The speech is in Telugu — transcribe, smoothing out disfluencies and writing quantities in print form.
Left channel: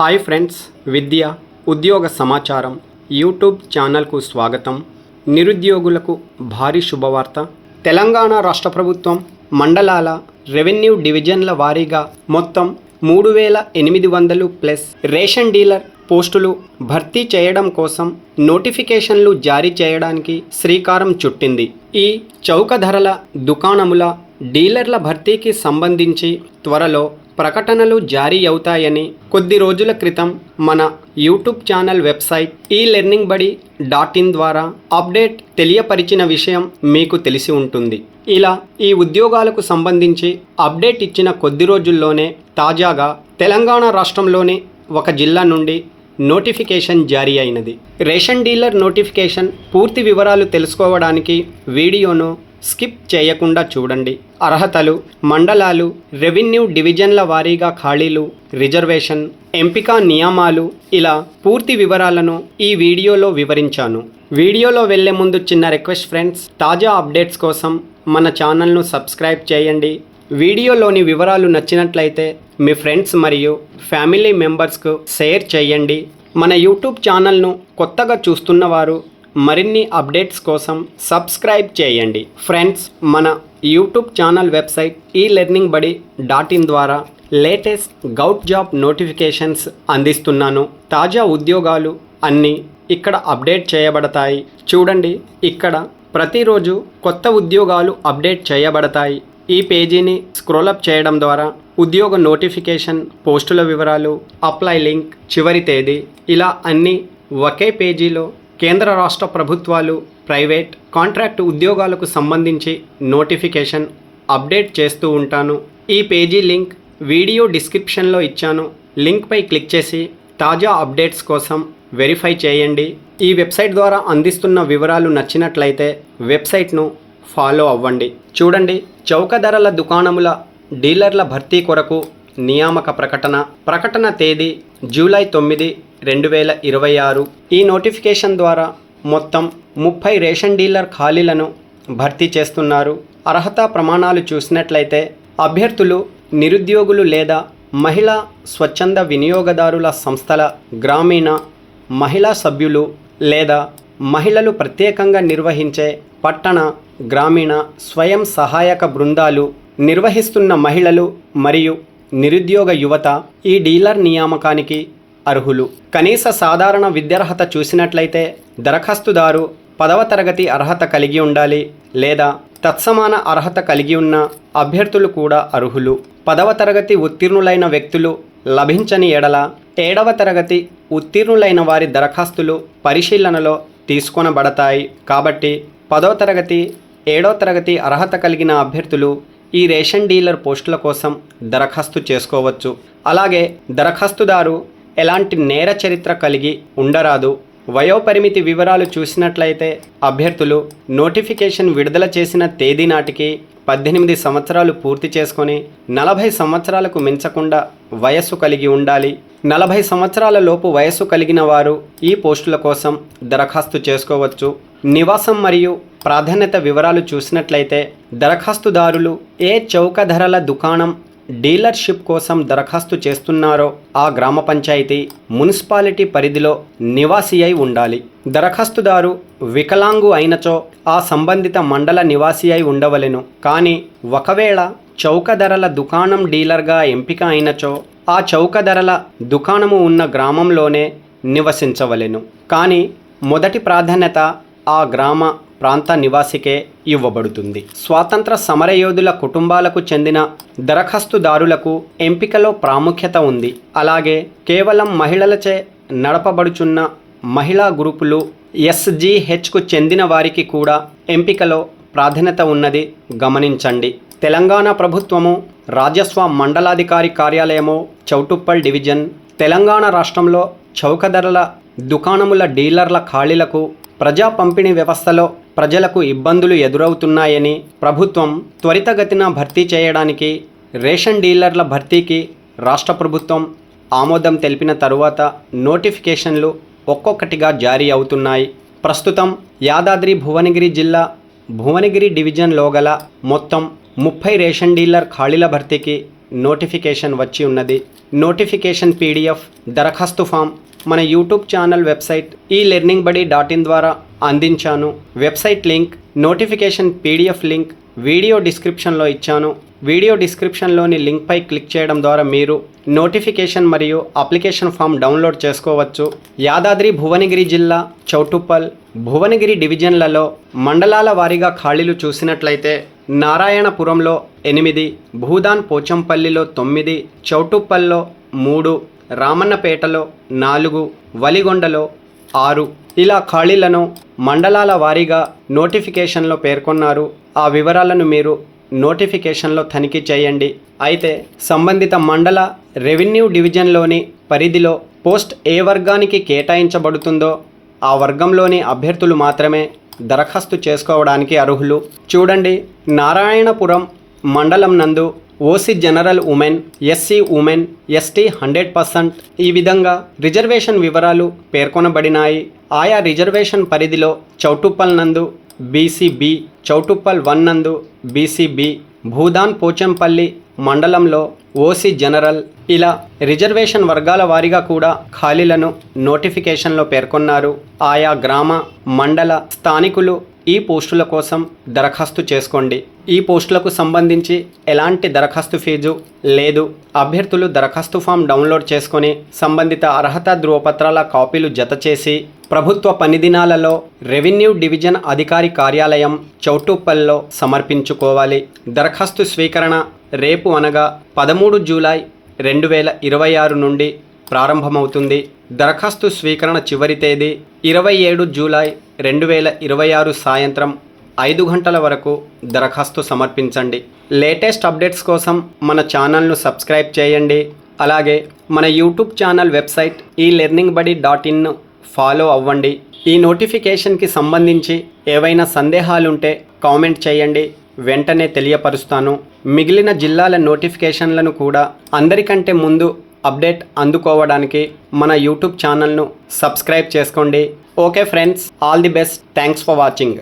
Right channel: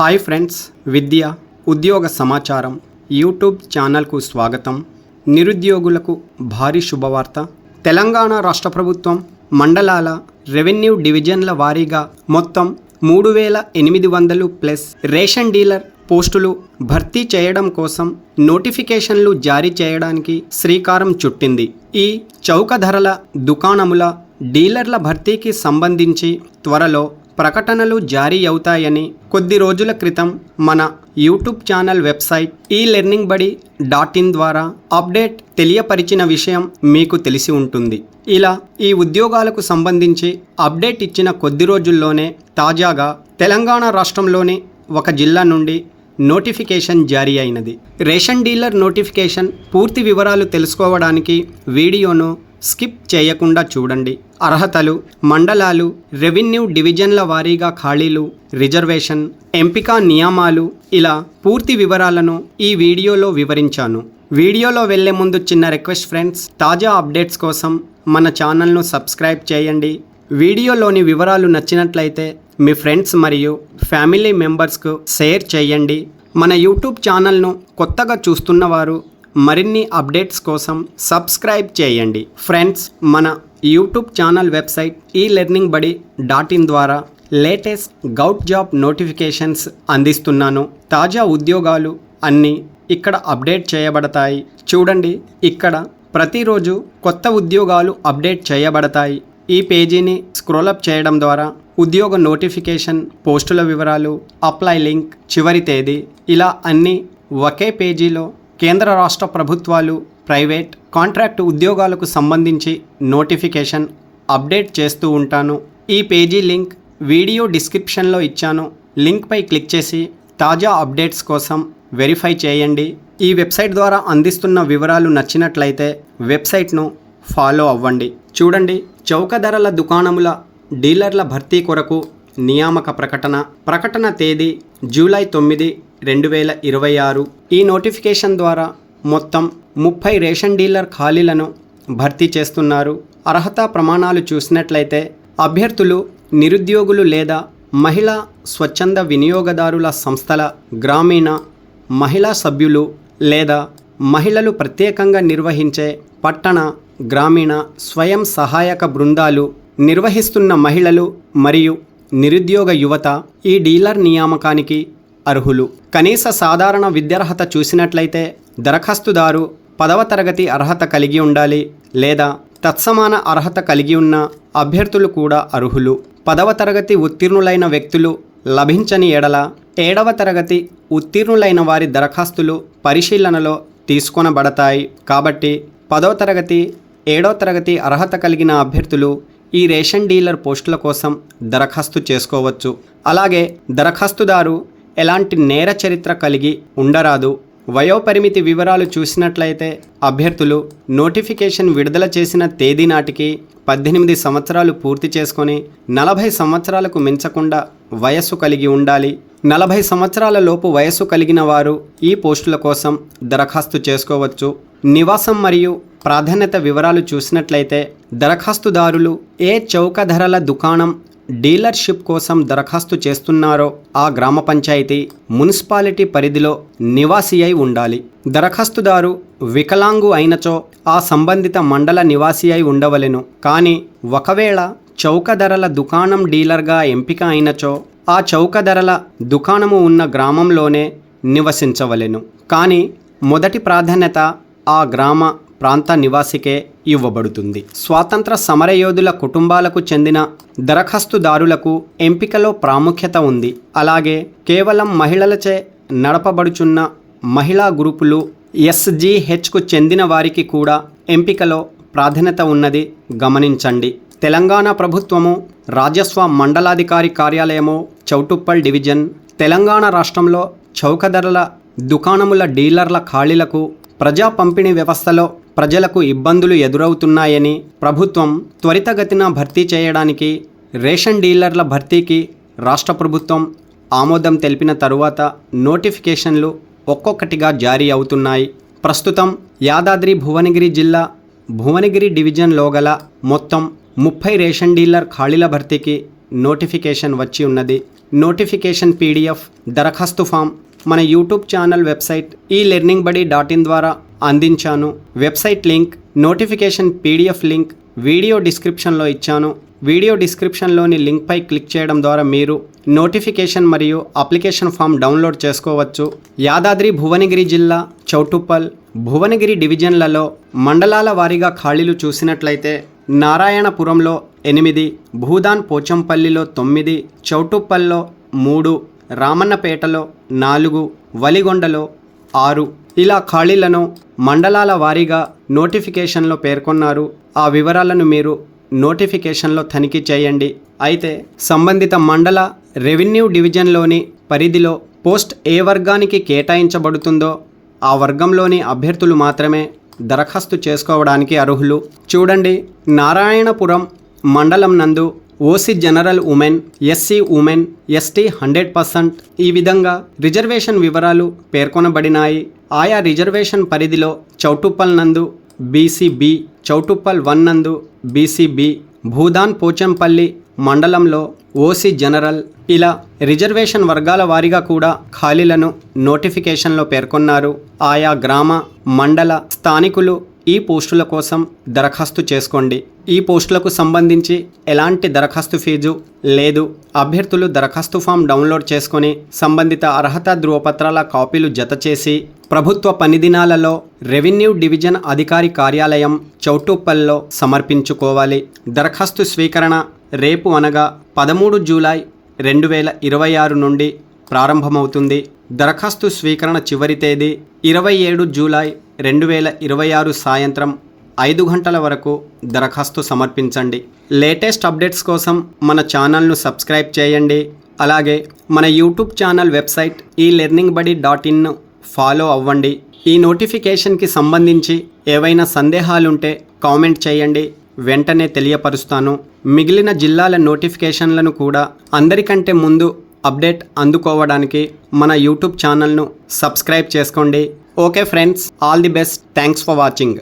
హాయ్ ఫ్రెండ్స్, విద్య ఉద్యోగ సమాచారం యూట్యూబ్ ఛానల్కు స్వాగతం. నిరుద్యోగులకు భారీ శుభవార్త. తెలంగాణ రాష్ట్ర ప్రభుత్వం మండలాల రెవెన్యూ డివిజన్ల వారీగా మొత్తం 3800 ప్లస్ రేషన్ డీలర్ పోస్టులు భర్తీ చేయడం కోసం నోటిఫికేషన్లు జారీ చేయడానికి శ్రీకారం చుట్టింది. ఈ చౌక ధరల దుకాణముల డీలర్ల భర్తీకి సంబంధించి త్వరలో ప్రకటనలు జారీ అవుతాయని కొద్ది రోజుల క్రితం మన యూట్యూబ్ ఛానల్ వెబ్సైట్ elearningbuddy.in ద్వారా అప్డేట్ తెలియపరిచిన విషయం మీకు తెలిసి ఉంటుంది. ఇలా ఈ ఉద్యోగాలకు సంబంధించి అప్డేట్ ఇచ్చిన కొద్ది రోజుల్లోనే తాజాగా తెలంగాణ రాష్ట్రంలోని ఒక జిల్లా నుండి నోటిఫికేషన్ జారీ అయినది. రేషన్ డీలర్ నోటిఫికేషన్ పూర్తి వివరాలు తెలుసుకోవడానికి వీడియోను స్కిప్ చేయకుండా చూడండి. అర్హతలు, మండలాలు, రెవెన్యూ డివిజన్ల వారీగా ఖాళీలు, రిజర్వేషన్, ఎంపిక నియమాలు, ఇలా పూర్తి వివరాలను ఈ వీడియోలో వివరించాను. వీడియోలో వెళ్లే ముందు చిన్న రిక్వెస్ట్ ఫ్రెండ్స్, తాజా అప్డేట్స్ కోసం మన ఛానల్ను సబ్స్క్రైబ్ చేయండి. వీడియోలోని వివరాలు నచ్చినట్లయితే మీ ఫ్రెండ్స్ మరియు ఫ్యామిలీ మెంబర్స్కు షేర్ చేయండి. మన యూట్యూబ్ ఛానల్ను కొత్తగా చూస్తున్న వారు మరిన్ని అప్డేట్స్ కోసం సబ్స్క్రైబ్ చేయండి. ఫ్రెండ్స్, మన యూట్యూబ్ ఛానల్ వెబ్సైట్ elearningbuddy.in ద్వారా లేటెస్ట్ గౌట్ జాబ్ నోటిఫికేషన్స్ అందిస్తున్నాను. తాజా ఉద్యోగాలు అన్నీ ఇక్కడ అప్డేట్ చేయబడతాయి. చూడండి, ఇక్కడ ప్రతిరోజు కొత్త ఉద్యోగాలు అప్డేట్ చేయబడతాయి. ఈ పేజీని స్క్రోలప్ చేయడం ద్వారా ఉద్యోగ నోటిఫికేషన్, పోస్టుల వివరాలు, అప్లై లింక్, చివరి తేదీ, ఇలా అన్నీ ఒకే పేజీలో కేంద్ర రాష్ట్ర ప్రభుత్వాలు, ప్రైవేట్, కాంట్రాక్ట్ ఉద్యోగాలకు సంబంధించి నోటిఫికేషన్ అప్డేట్ చేస్తూ ఉంటాను. ఈ పేజీ లింక్ వీడియో డిస్క్రిప్షన్లో ఇచ్చాను. లింక్పై క్లిక్ చేసి తాజా అప్డేట్స్ కోసం వెరిఫై చేయండి. ఈ వెబ్సైట్ ద్వారా అందిస్తున్న వివరాలు నచ్చినట్లయితే వెబ్సైట్ను ఫాలో అవ్వండి. చూడండి, చౌక ధరల దుకాణముల డీలర్ల భర్తీ కొరకు నియామక ప్రకటన తేదీ జూలై 9, 2026. ఈ నోటిఫికేషన్ ద్వారా మొత్తం 30 రేషన్ డీలర్ ఖాళీలను భర్తీ చేస్తున్నారు. అర్హత ప్రమాణాలు చూసినట్లయితే అభ్యర్థులు నిరుద్యోగులు లేదా మహిళా స్వచ్ఛంద వినియోగదారుల సంస్థల గ్రామీణ మహిళా సభ్యులు లేదా మహిళలు ప్రత్యేకంగా నిర్వహించే పట్టణ, గ్రామీణ స్వయం సహాయక బృందాలు నిర్వహిస్తున్న మహిళలు మరియు నిరుద్యోగ యువత ఈ డీలర్ నియామకానికి అర్హులు. కనీస సాధారణ విద్యార్హత చూసినట్లయితే దరఖాస్తుదారు 10వ తరగతి అర్హత కలిగి ఉండాలి లేదా తత్సమాన అర్హత కలిగి ఉన్న అభ్యర్థులు కూడా అర్హులు. 10వ తరగతి ఉత్తీర్ణులైన వ్యక్తులు లభించని ఎడల 7వ తరగతి ఉత్తీర్ణులైన వారి దరఖాస్తులు పరిశీలనలో తీసుకొనబడతాయి. కాబట్టి 10వ తరగతి, 7వ తరగతి అర్హత కలిగిన అభ్యర్థులు ఈ రేషన్ డీలర్ పోస్టుల కోసం దరఖాస్తు చేసుకోవచ్చు. అలాగే దరఖాస్తుదారు ఎలాంటి నేర చరిత్ర కలిగి ఉండరాదు. వయోపరిమితి వివరాలు చూసినట్లయితే అభ్యర్థులు నోటిఫికేషన్ విడుదల చేసిన తేదీ నాటికి 18 సంవత్సరాలు పూర్తి చేసుకొని 40 సంవత్సరాలకు మించకుండా వయస్సు కలిగి ఉండాలి. 40 సంవత్సరాల లోపు వయస్సు కలిగిన వారు ఈ పోస్టుల కోసం దరఖాస్తు చేసుకోవచ్చు. నివాసం మరియు ప్రాధాన్యత వివరాలు చూసినట్లయితే దరఖాస్తుదారులు ఏ చౌక ధరల దుకాణం డీలర్షిప్ కోసం దరఖాస్తు చేస్తున్నారో ఆ గ్రామ పంచాయతీ, మున్సిపాలిటీ పరిధిలో నివాసి అయి ఉండాలి. దరఖాస్తుదారు వికలాంగు అయినచో ఆ సంబంధిత మండల నివాసి అయి ఉండవలెను. కానీ ఒకవేళ చౌక ధరల దుకాణం డీలర్గా ఎంపిక అయినచో ఆ చౌక ధరల దుకాణము ఉన్న గ్రామంలోనే నివసించవలెను. కానీ మొదటి ప్రాధాన్యత ఆ గ్రామ ప్రాంత నివాసికే ఇవ్వబడుతుంది. స్వాతంత్ర సమరయోధుల కుటుంబాలకు చెందిన దరఖాస్తుదారులకు ఎంపికలో ప్రాముఖ్యత ఉంది. అలాగే కేవలం మహిళలచే నడపబడుచున్న మహిళా గ్రూపులు SGHకు చెందిన వారికి కూడా ఎంపికలో ప్రాధాన్యత ఉన్నది గమనించండి. తెలంగాణ ప్రభుత్వము రాజస్వ మండలాధికారి కార్యాలయము చౌటుప్పల్ డివిజన్ తెలంగాణ రాష్ట్రంలో చౌక ధరల దుకాణముల డీలర్ల ఖాళీలకు ప్రజా పంపిణీ వ్యవస్థలో ప్రజలకు ఇబ్బందులు ఎదురవుతున్నాయని ప్రభుత్వం త్వరితగతిన భర్తీ చేయడానికి రేషన్ డీలర్ల భర్తీకి రాష్ట్ర ప్రభుత్వం ఆమోదం తెలిపిన తరువాత నోటిఫికేషన్లు ఒక్కొక్కటిగా జారీ అవుతున్నాయి. ప్రస్తుతం యాదాద్రి భువనగిరి జిల్లా భువనగిరి డివిజన్లో గల మొత్తం 30 రేషన్ డీలర్ ఖాళీల భర్తీకి నోటిఫికేషన్ వచ్చి ఉన్నది. నోటిఫికేషన్ PDF దరఖాస్తు ఫామ్ మన యూట్యూబ్ ఛానల్ వెబ్సైట్ elearningbuddy.in ద్వారా అందించాను. Website link, notification PDF link video డిస్క్రిప్షన్లో ఇచ్చాను. వీడియో డిస్క్రిప్షన్లోని లింక్పై క్లిక్ చేయడం ద్వారా మీరు నోటిఫికేషన్ మరియు అప్లికేషన్ ఫామ్ డౌన్లోడ్ చేసుకోవచ్చు. యాదాద్రి భువనగిరి జిల్లా చౌటుప్పల్, భువనగిరి డివిజన్లలో మండలాల వారీగా ఖాళీలు చూసినట్లయితే నారాయణపురంలో 8, భూదాన్ పోచంపల్లిలో 9, చౌటుప్పల్లో 3, రామన్నపేటలో 4, వలిగొండలో 6 ఇలా ఖాళీలను మండలాల వారీగా నోటిఫికేషన్లో పేర్కొన్నారు. ఆ వివరాలను మీరు నోటిఫికేషన్లో తనిఖీ చేయండి. అయితే సంబంధిత మండల రెవెన్యూ డివిజన్లోని పరిధిలో పోస్ట్ ఏ వర్గానికి కేటాయించబడుతుందో ఆ వర్గంలోని అభ్యర్థులు మాత్రమే దరఖాస్తు చేసుకోవడానికి అర్హులు. చూడండి, నారాయణపురం మండలం నందు OC general women, SC women, ST 100% ఈ విధంగా రిజర్వేషన్ వివరాలు పేర్కొనబడినాయి. ఆయా రిజర్వేషన్ పరిధిలో చౌటుప్పల్ నందు BCB, చౌటుప్పల్ 1 నందు BCB, భూదాన్ పోచంపల్లి మండలంలో ఓసీ జనరల్ ఇలా రిజర్వేషన్ వర్గాల వారీగా కూడా ఖాళీలను నోటిఫికేషన్లో పేర్కొన్నారు. ఆయా గ్రామ, మండల స్థానికులు ఈ పోస్టుల కోసం దరఖాస్తు చేసుకోండి. ఈ పోస్టులకు సంబంధించి ఎలాంటి దరఖాస్తు ఫీజు లేదు. అభ్యర్థులు దరఖాస్తు ఫామ్ డౌన్లోడ్ చేసుకొని సంబంధిత అర్హత ధృవపత్రాల కాపీలు జతచేసి ప్రభుత్వ పని దినాలలో రెవెన్యూ డివిజన్ అధికారి కార్యాలయం చౌటుప్పల్లో సమర్పించుకోవాలి. దరఖాస్తు స్వీకరణ రేపు అనగా 13 జూలై 2026 నుండి ప్రారంభమవుతుంది. దరఖాస్తు స్వీకరణ చివరి తేదీ 27 జూలై 2026 సాయంత్రం 5 గంటల వరకు దరఖాస్తు సమర్పించండి. లేటెస్ట్ అప్డేట్స్ కోసం మన ఛానల్ను సబ్స్క్రైబ్ చేయండి. అలాగే మన YouTube channel website elearningbuddy.in follow అవ్వండి. ఈ నోటిఫికేషన్కి సంబంధించి ఏవైనా సందేహాలుంటే కామెంట్ చేయండి, వెంటనే తెలియపరుస్తాను. మిగిలిన జిల్లాల నోటిఫికేషన్లను కూడా అందరికంటే ముందు అప్డేట్ అందుకోవడానికి మన యూట్యూబ్ ఛానల్ను సబ్స్క్రైబ్ చేసుకోండి. Okay friends, all the best. Thanks for watching.